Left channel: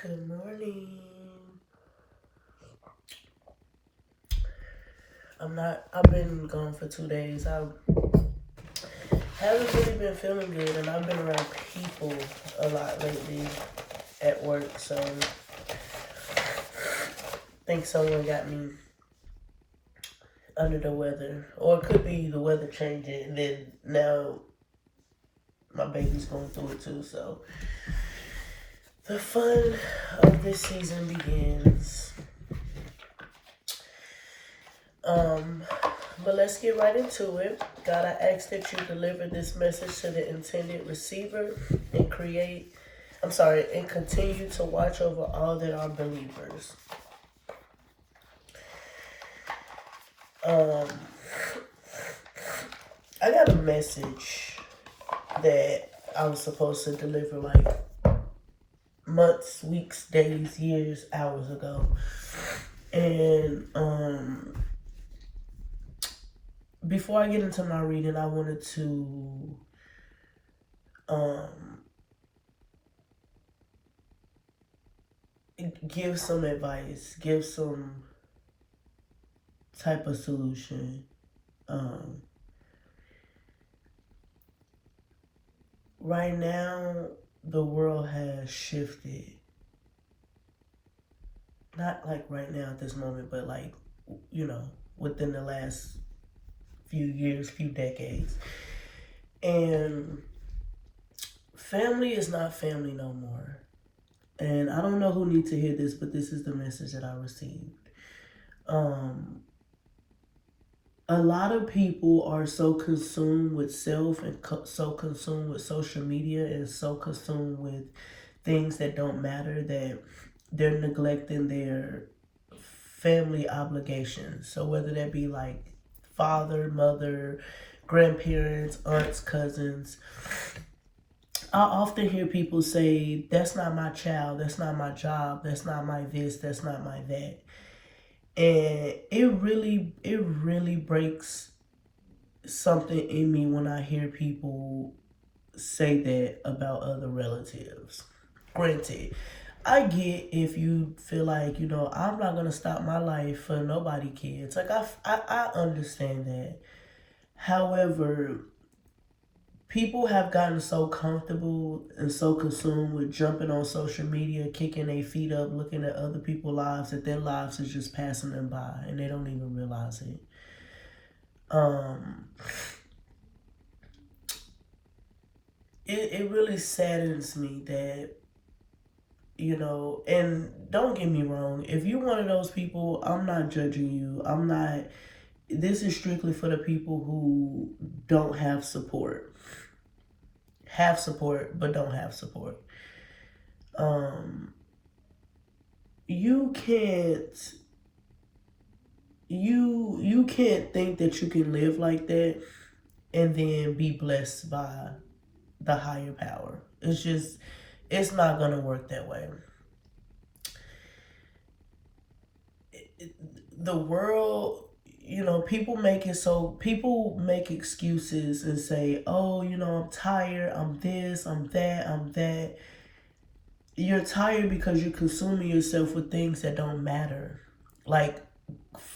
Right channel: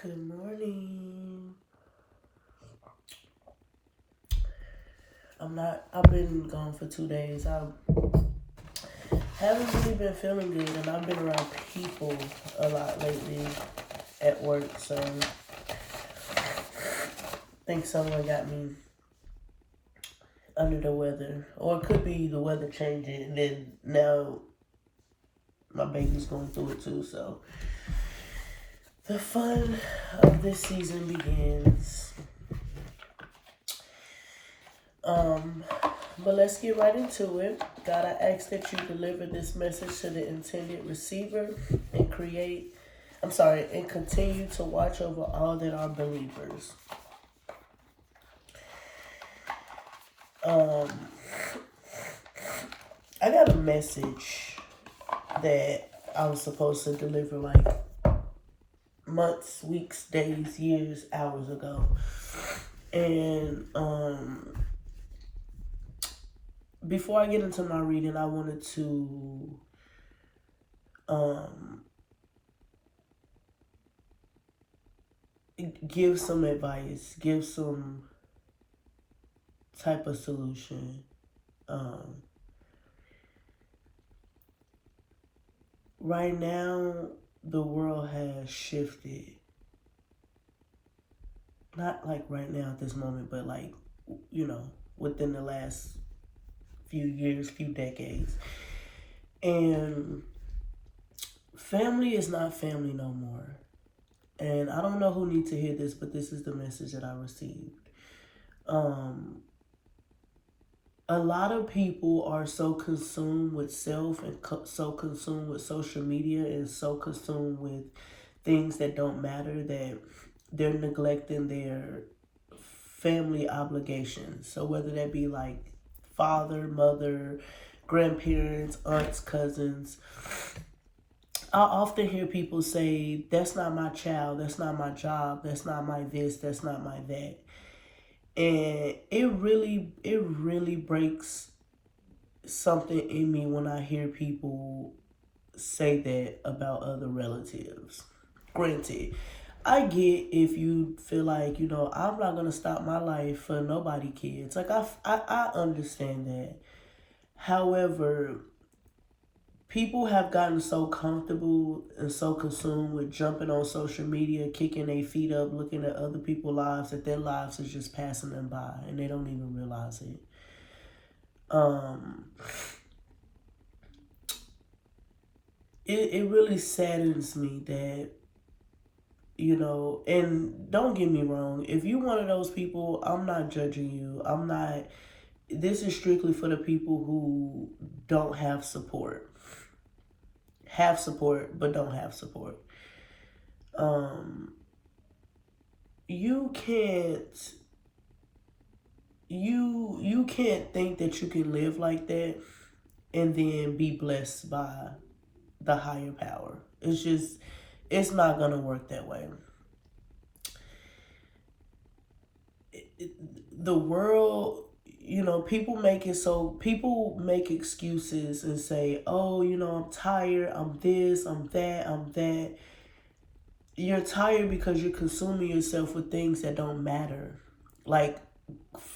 Good morning. I've been gone for 2 days. I haven't really been feeling good, and I've been around people a lot lately at work, so I think someone got me under the weather. Or it could be the weather changing, and then now my baby's going through it too, so the fun of this season begins. But let's get right into it. God, I ask that you deliver this message to the intended receiver and and continue to watch over all that are believers. I got a message that I was supposed to deliver like months, weeks, days, years, hours ago. And before I get into my reading, I wanted to give some advice, give some type of solution. Right now, the world has shifted. Not like right now at this moment, but like, within the last few years, few decades. And family is not family no more. And I don't know who needs to hear this, but this is the message that I received. A lot of people are so consumed with self and so consumed with social media and so consumed with things that don't matter that they're neglecting their family obligations. So whether that be like father, mother, grandparents, aunts, cousins. I often hear people say, that's not my child, that's not my job, that's not my this, that's not my that. And it really breaks something in me when I hear people say that about other relatives. Granted, I get if you feel like, I'm not going to stop my life for nobody kids. Like, I understand that. However, people have gotten so comfortable and so consumed with jumping on social media, kicking their feet up, looking at other people's lives, that their lives is just passing them by and they don't even realize it. It really saddens me that, and don't get me wrong, if you're one of those people, I'm not judging you. This is strictly for the people who don't have support. Have support, but don't have support. You can't think that you can live like that and then be blessed by the higher power. It's not gonna work that way. The world, people make excuses and say, oh, I'm tired, I'm this, I'm that, I'm that. You're tired because you're consuming yourself with things that don't matter, like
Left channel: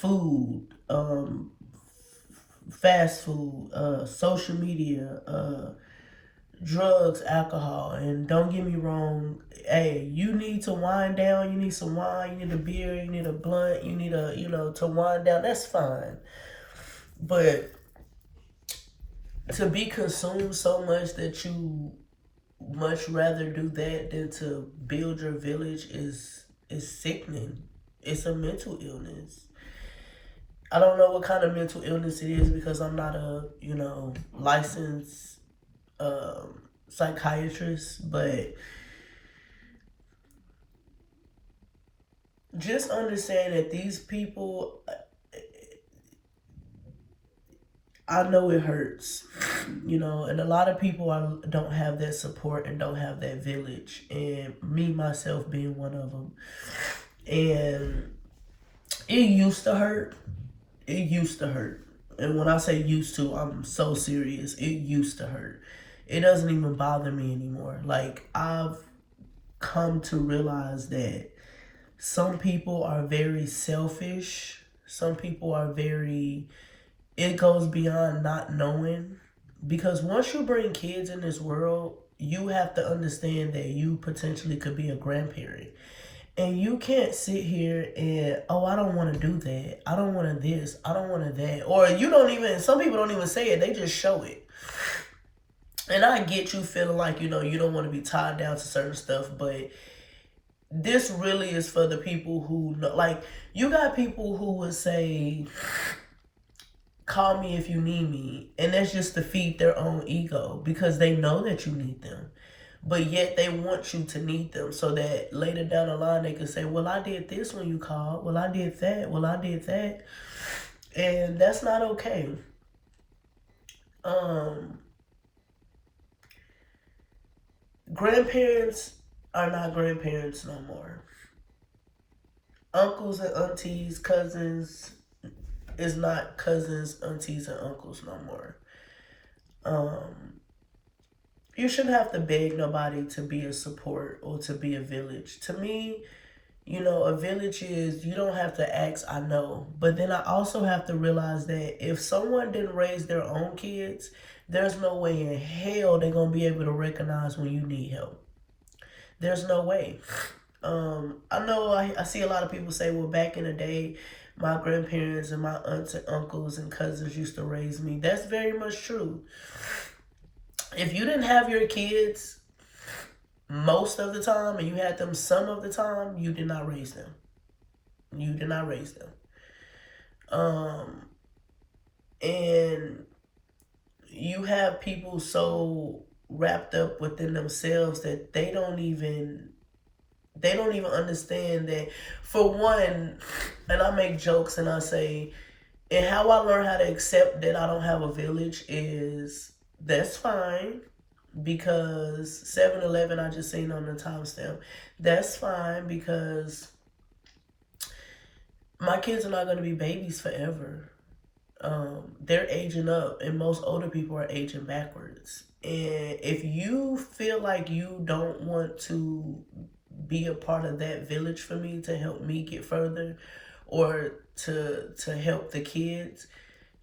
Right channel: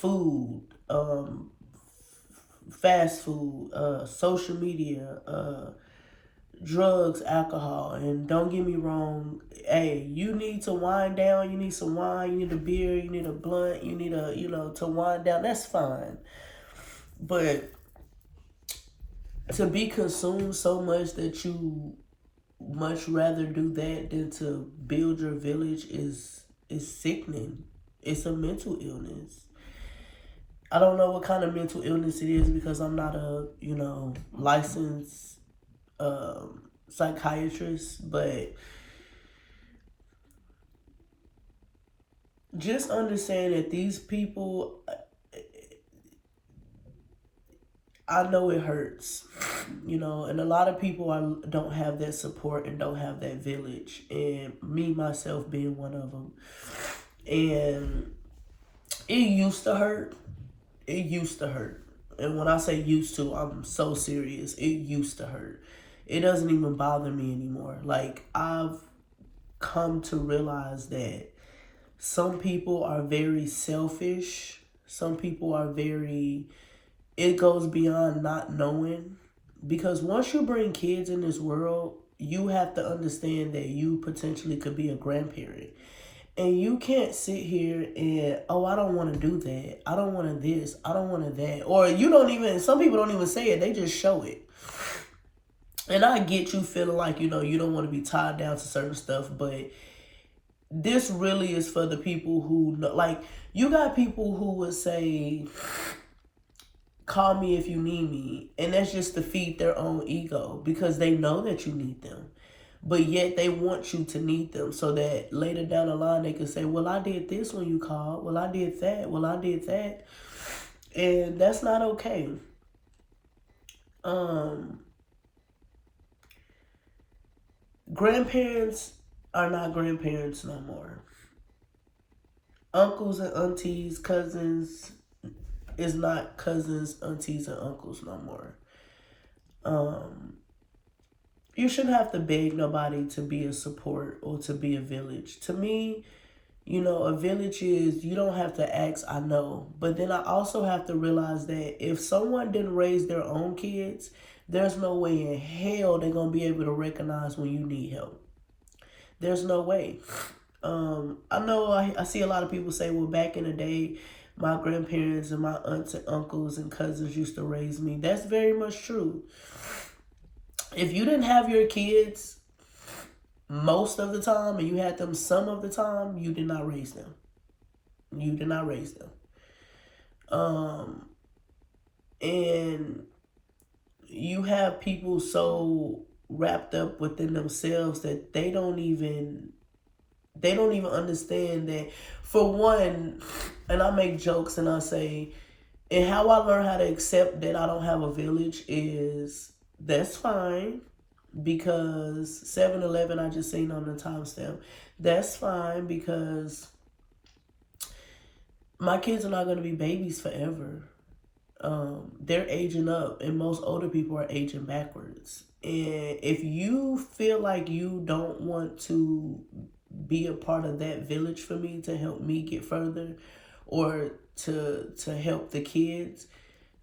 food, fast food, social media, drugs, alcohol. And don't get me wrong, hey, you need to wind down, you need some wine, you need a beer, you need a blunt, you need to wind down, that's fine. But to be consumed so much that you much rather do that than to build your village is sickening. It's a mental illness. I don't know what kind of mental illness it is because I'm not a, licensed psychiatrist, but just understand that these people, I know it hurts, and a lot of people don't have that support and don't have that village, and me, myself, being one of them. And it used to hurt. It used to hurt. And when I say used to, I'm so serious. It used to hurt. It doesn't even bother me anymore. Like, I've come to realize that some people are very selfish. Some people are very, it goes beyond not knowing. Because once you bring kids in this world, you have to understand that you potentially could be a grandparent. And you can't sit here and, oh, I don't want to do that. I don't want to this. I don't want to that. Or you don't even, some people don't even say it. They just show it. And I get you feeling like, you don't want to be tied down to certain stuff. But this really is for the people who know. Like, you got people who would say, call me if you need me. And that's just to feed their own ego. Because they know that you need them. But yet they want you to need them so that later down the line they can say, well, I did this when you called. Well, I did that. Well, I did that. And that's not okay. Grandparents are not grandparents no more. Uncles and aunties, cousins is not cousins, aunties, and uncles no more. You shouldn't have to beg nobody to be a support or to be a village. To me, a village is, you don't have to ask, I know. But then I also have to realize that if someone didn't raise their own kids, there's no way in hell they're going to be able to recognize when you need help. There's no way. I know I see a lot of people say, well, back in the day, my grandparents and my aunts and uncles and cousins used to raise me. That's very much true. If you didn't have your kids most of the time and you had them some of the time, you did not raise them. You did not raise them. And you have people so wrapped up within themselves that they don't even understand that. For one, and I make jokes and I say, and how I learned how to accept that I don't have a village is, that's fine, because 7-Eleven I just seen on the timestamp. That's fine, because my kids are not going to be babies forever. They're aging up, and most older people are aging backwards. And if you feel like you don't want to be a part of that village for me to help me get further, or to help the kids,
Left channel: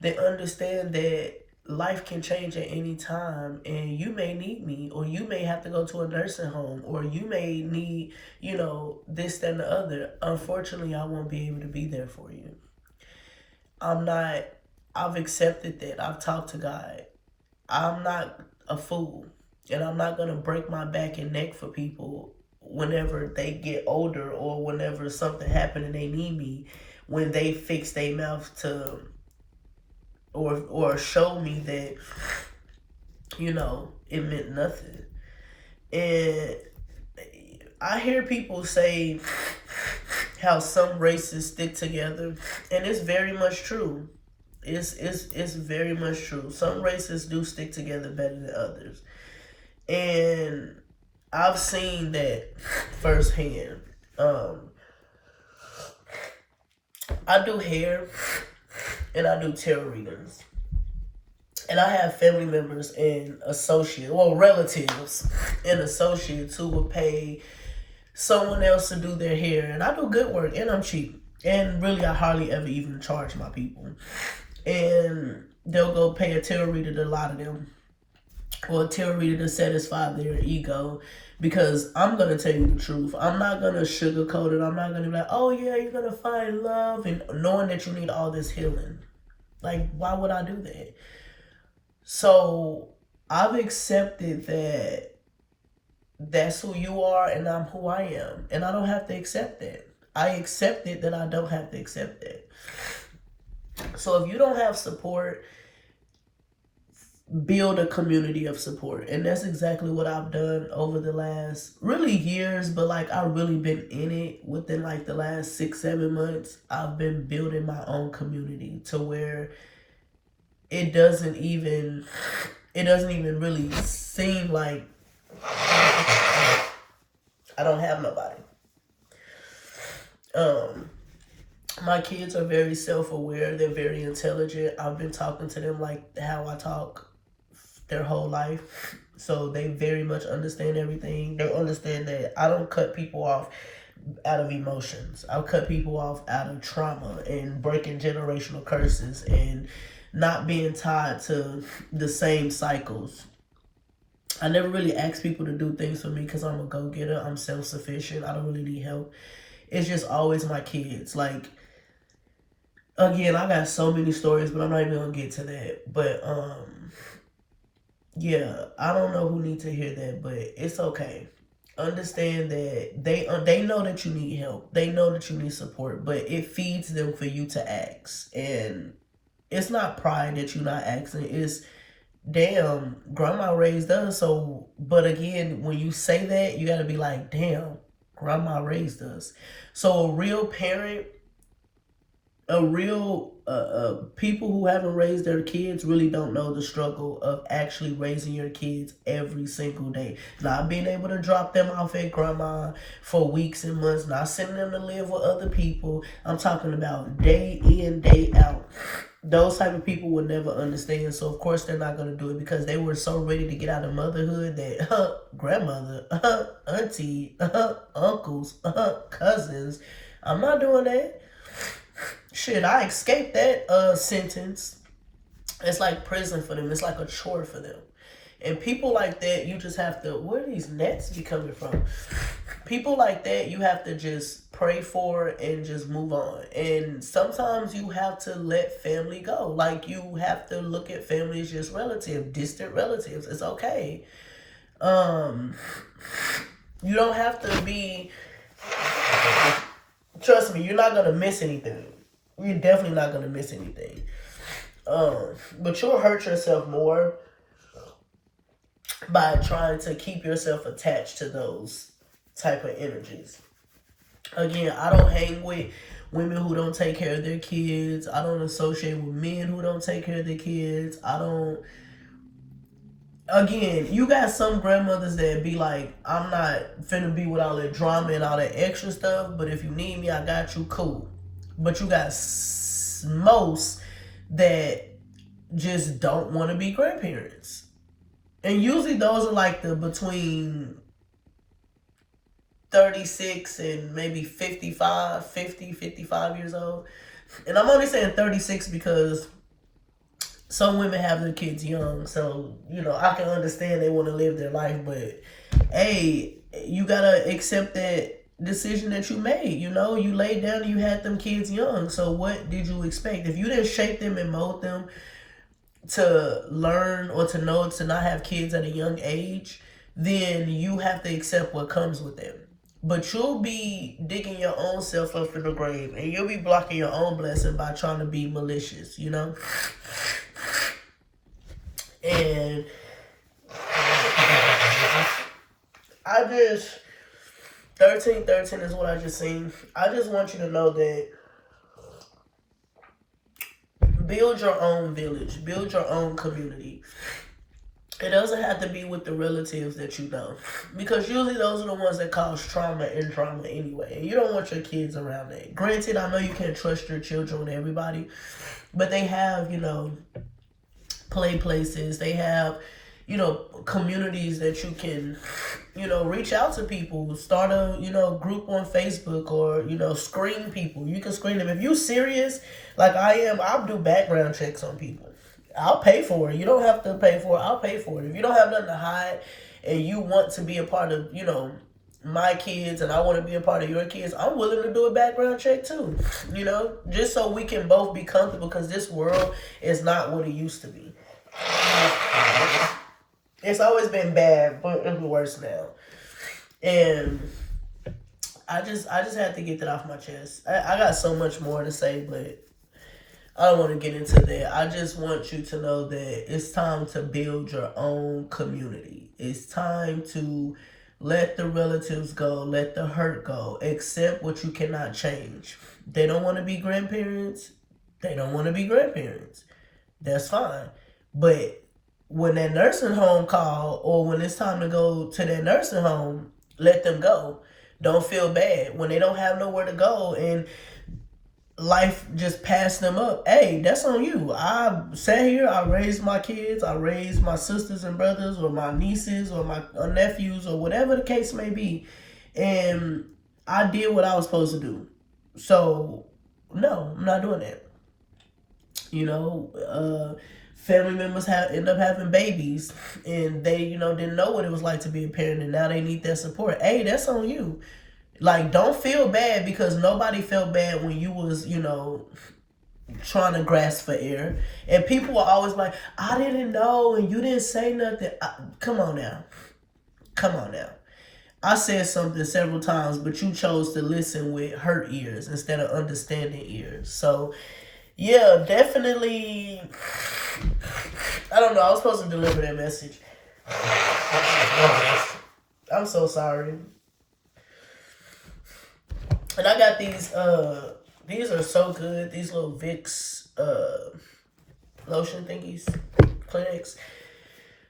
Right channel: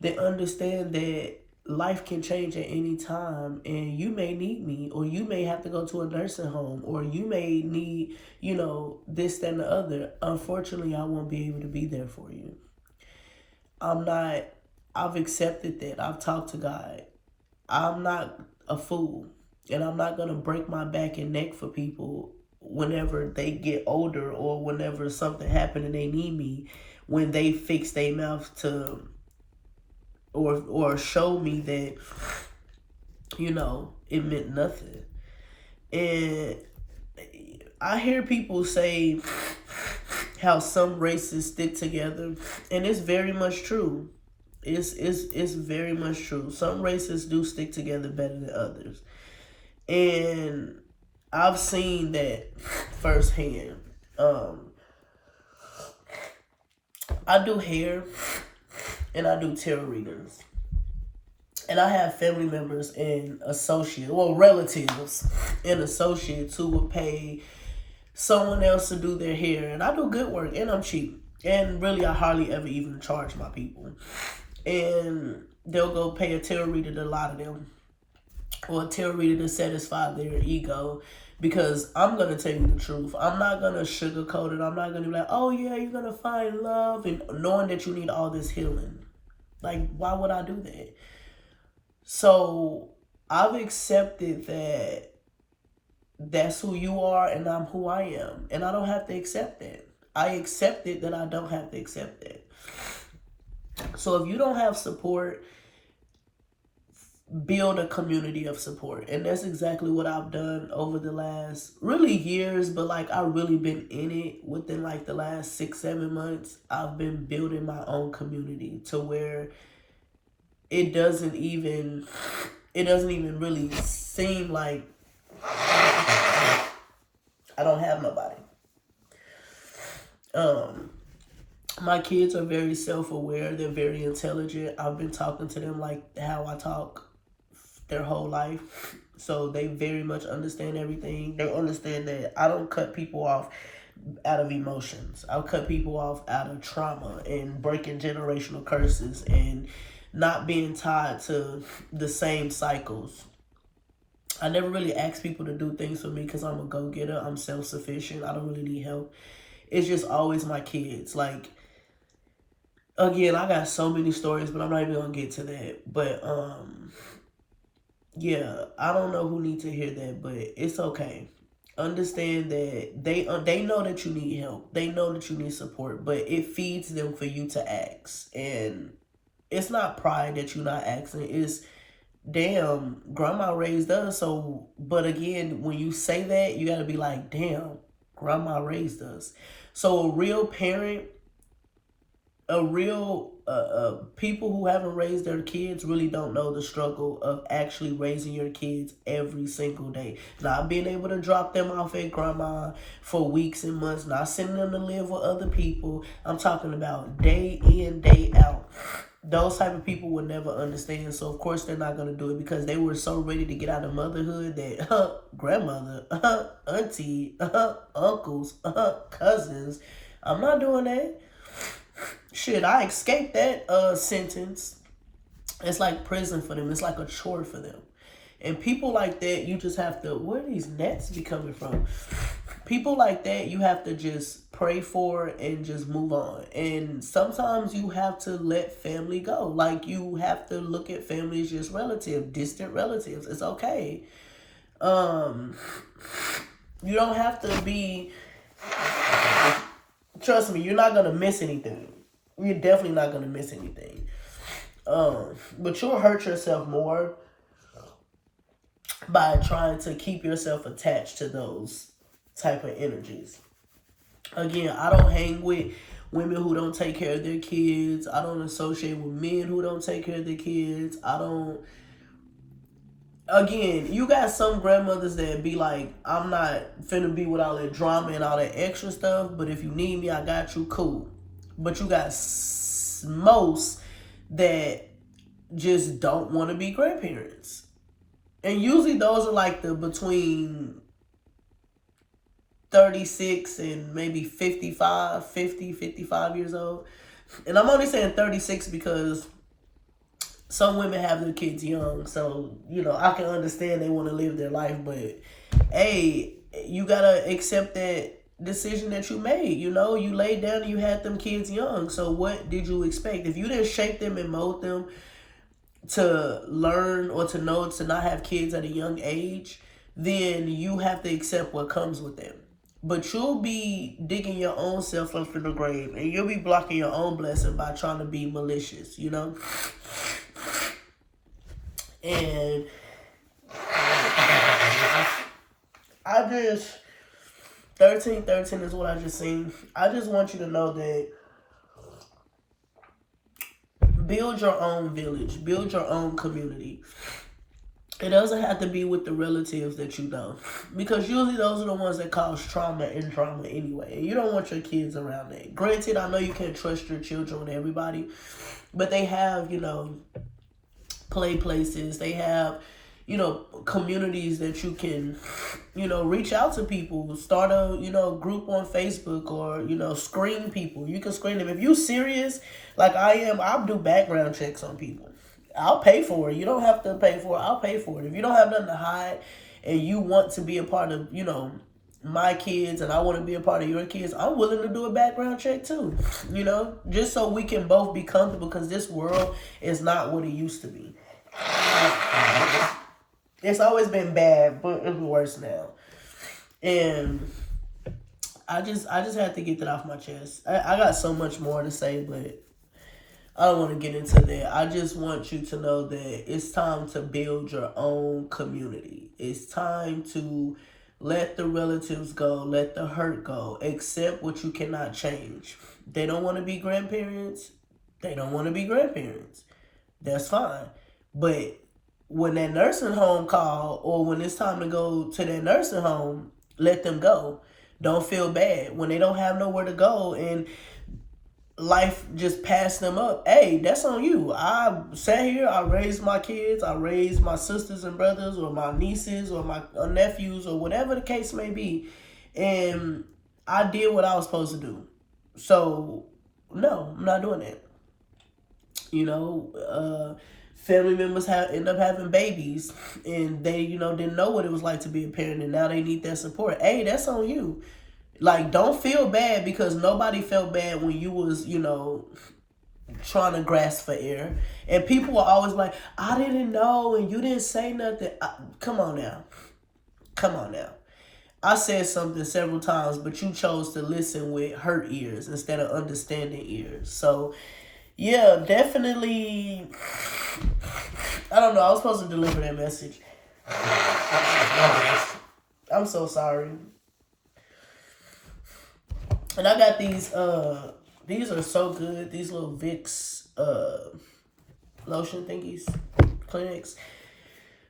they understand that life can change at any time, and you may need me, or you may have to go to a nursing home, or you may need, this, that, and the other. Unfortunately, I won't be able to be there for you. I've accepted that. I've talked to God. I'm not a fool, and I'm not going to break my back and neck for people whenever they get older, or whenever something happened and they need me, when they fix their mouth to or show me that, it meant nothing. And I hear people say how some races stick together, and it's very much true. It's very much true. Some races do stick together better than others. And I've seen that firsthand. I do hair and I do tarot readings. And I have family members and relatives and associates who will pay someone else to do their hair. And I do good work, and I'm cheap. And really, I hardly ever even charge my people. And they'll go pay a tarot reader to lie to them, or a tarot reader to satisfy their ego. Because I'm going to tell you the truth. I'm not going to sugarcoat it. I'm not going to be like, oh yeah, you're going to find love, and knowing that you need all this healing. Like, why would I do that? So I've accepted that that's who you are and I'm who I am. And I don't have to accept that. I accepted that I don't have to accept that. So if you don't have support, build a community of support. And that's exactly what I've done over the last really years, but like I've really been in it within like the last 6-7 months. I've been building my own community to where it doesn't even really seem like I don't have nobody. My kids are very self-aware. They're very intelligent. I've been talking to them like how I talk their whole life. So they very much understand everything. They understand that I don't cut people off out of emotions. I cut people off out of trauma and breaking generational curses and not being tied to the same cycles. I never really ask people to do things for me because I'm a go-getter. I'm self-sufficient. I don't really need help. It's just always my kids. Like, again, I got so many stories, but I'm not even gonna get to that. But yeah, I don't know who needs to hear that, but it's okay. Understand that they know that you need help. They know that you need support, but it feeds them for you to ask. And it's not pride that you're not asking. It's damn, grandma raised us. So, but again, when you say that, you got to be like, damn, grandma raised us. So a real parent, a real people who haven't raised their kids really don't know the struggle of actually raising your kids every single day. Not being able to drop them off at grandma for weeks and months, not sending them to live with other people. I'm talking about day in, day out. Those type of people would never understand, so of course they're not going to do it because they were so ready to get out of motherhood that grandmother, auntie, uncles, cousins, I'm not doing that. Shit, I escaped that sentence. It's like prison for them. It's like a chore for them. And people like that, you just have to, where are these nets be coming from? People like that, you have to just pray for and just move on. And sometimes you have to let family go. Like, you have to look at family as just relatives, distant relatives. It's okay. You don't have to be, trust me, you're not going to miss anything. You're definitely not going to miss anything. But you'll hurt yourself more by trying to keep yourself attached to those type of energies. Again, I don't hang with women who don't take care of their kids. I don't associate with men who don't take care of their kids. I don't. Again, you got some grandmothers that be like, I'm not finna be with all that drama and all that extra stuff, but if you need me, I got you, cool. But you got most that just don't want to be grandparents. And usually those are like the between 36 and maybe 55 years old. And I'm only saying 36 because some women have their kids young. So, you know, I can understand they want to live their life. But, hey, you got to accept that decision that you made. You know, you laid down and you had them kids young. So what did you expect? If you didn't shape them and mold them to learn or to know to not have kids at a young age, then you have to accept what comes with them. But you'll be digging your own self up in the grave, and you'll be blocking your own blessing by trying to be malicious, you know? And I just, 1313 is what I just seen. I just want you to know that build your own village, build your own community. It doesn't have to be with the relatives that you know, because usually those are the ones that cause trauma and drama anyway. And you don't want your kids around that. Granted, I know you can't trust your children with everybody, but they have, you know, play places. They have, you know, communities that you can, you know, reach out to people, start a, you know, group on Facebook, or, you know, screen people. You can screen them. If you're serious, like I am, I'll do background checks on people. I'll pay for it. You don't have to pay for it. I'll pay for it. If you don't have nothing to hide and you want to be a part of, you know, my kids and I want to be a part of your kids, I'm willing to do a background check too, you know, just so we can both be comfortable, because this world is not what it used to be. It's always been bad, but it's worse now. And I just had to get that off my chest. I got so much more to say, but I don't want to get into that. I just want you to know that it's time to build your own community. It's time to let the relatives go, let the hurt go, accept what you cannot change. They don't want to be grandparents. They don't want to be grandparents. That's fine. But when that nursing home call, or when it's time to go to that nursing home, let them go. Don't feel bad when they don't have nowhere to go. And life just passed them up. Hey, that's on you. I sat here, I raised my kids, I raised my sisters and brothers, or my nieces, or my nephews, or whatever the case may be, and I did what I was supposed to do. So, no, I'm not doing that. You know, family members end up having babies, and they, didn't know what it was like to be a parent, and now they need that support. Hey, that's on you. Like, don't feel bad, because nobody felt bad when you was, trying to grasp for air. And people were always like, I didn't know, and you didn't say nothing. Come on now. Come on now. I said something several times, but you chose to listen with hurt ears instead of understanding ears. So, yeah, definitely. I don't know. I was supposed to deliver that message. I'm so sorry. And I got these are so good. These little Vicks lotion thingies, Kleenex.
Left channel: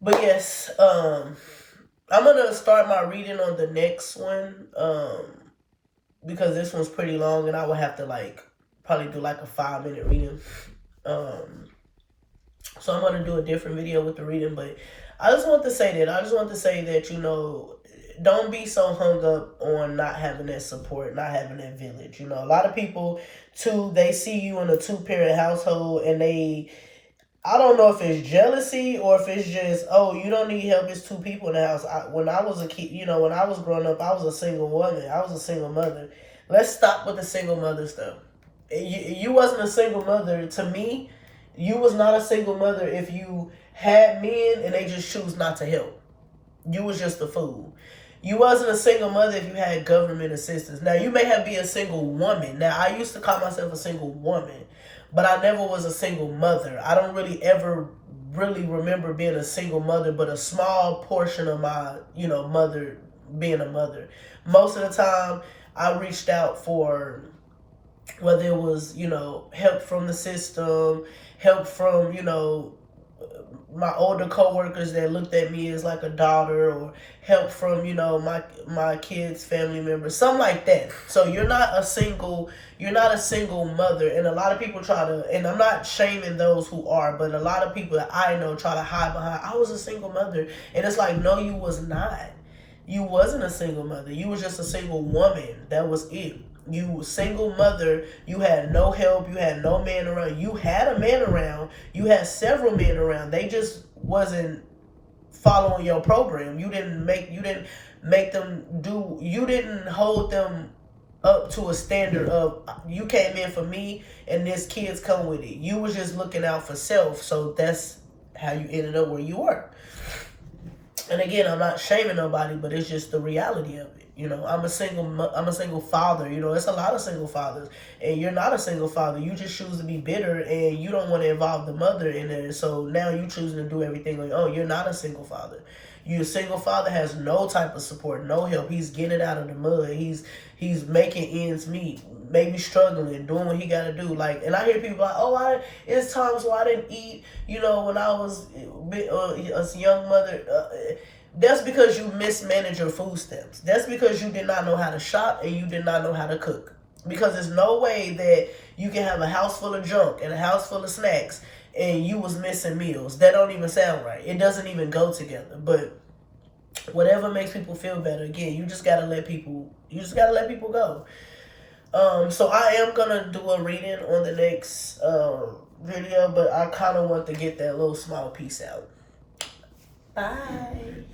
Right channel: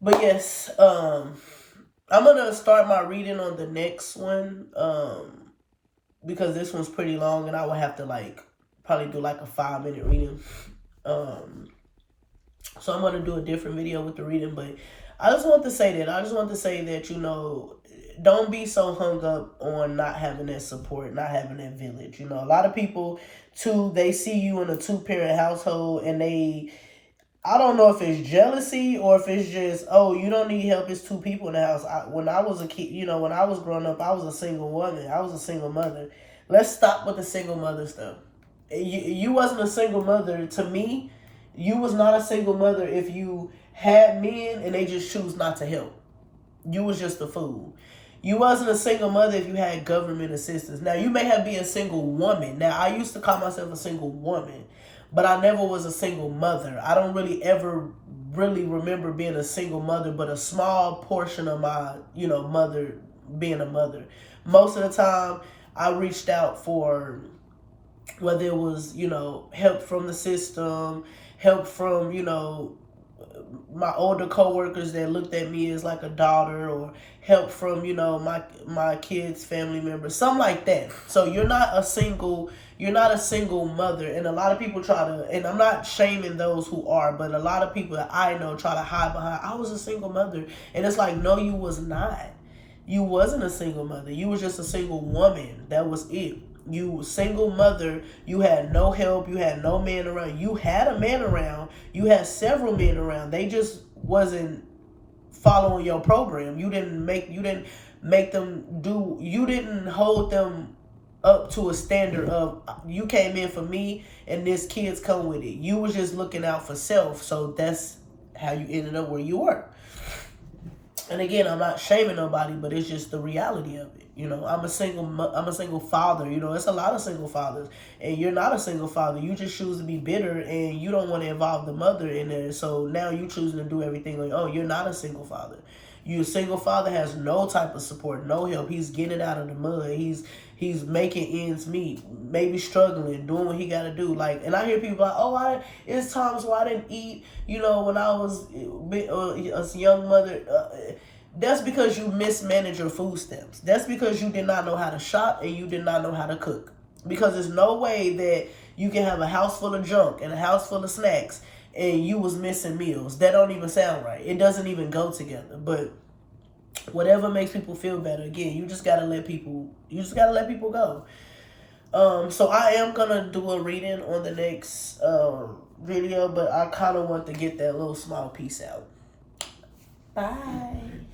But yes, I'm gonna start my reading on the next one, because this one's pretty long, and I will have to probably do like a 5-minute reading. So I'm gonna do a different video with the reading, but I just want to say that, don't be so hung up on not having that support, not having that village. A lot of people, too, they see you in a 2-parent household, and I don't know if it's jealousy or if it's just, oh, you don't need help, it's 2 people in the house. When I was a kid, when I was growing up, I was a single woman. I was a single mother. Let's stop with the single mother stuff. You wasn't a single mother. To me, you was not a single mother if you had men and they just choose not to help. You was just a fool. You wasn't a single mother if you had government assistance. Now, you may have been a single woman. Now, I used to call myself a single woman, but I never was a single mother. I don't really ever remember being a single mother, but a small portion of my, mother being a mother. Most of the time, I reached out for, whether it was, help from the system, help from, my older coworkers that looked at me as like a daughter, or help from, my kids' family members, something like that. So you're not a single mother, and a lot of people try to, and I'm not shaming those who are, but a lot of people that I know try to hide behind, I was a single mother, and it's like, no, you was not. You wasn't a single mother. You was just a single woman. That was it. You single mother, you had no help, you had no man around. You had a man around, you had several men around. They just wasn't following your program. You didn't hold them up to a standard of, you came in for me and this kids come with it. You was just looking out for self, so that's how you ended up where you were. And again, I'm not shaming nobody, but it's just the reality of it. I'm a single father. It's a lot of single fathers, and you're not a single father. You just choose to be bitter, and you don't want to involve the mother in there. So now you choose to do everything like, oh, you're not a single father. Your single father has no type of support, no help. He's getting out of the mud. He's making ends meet, maybe struggling, doing what he got to do. And I hear people like, oh, it's times where I didn't eat, when I was a young mother. That's because you mismanaged your food stamps. That's because you did not know how to shop and you did not know how to cook. Because there's no way that you can have a house full of junk and a house full of snacks and you was missing meals. That don't even sound right. It doesn't even go together. But whatever makes people feel better, again, you just gotta let people go. So I am gonna do a reading on the next video, but I kind of want to get that little small piece out. Bye.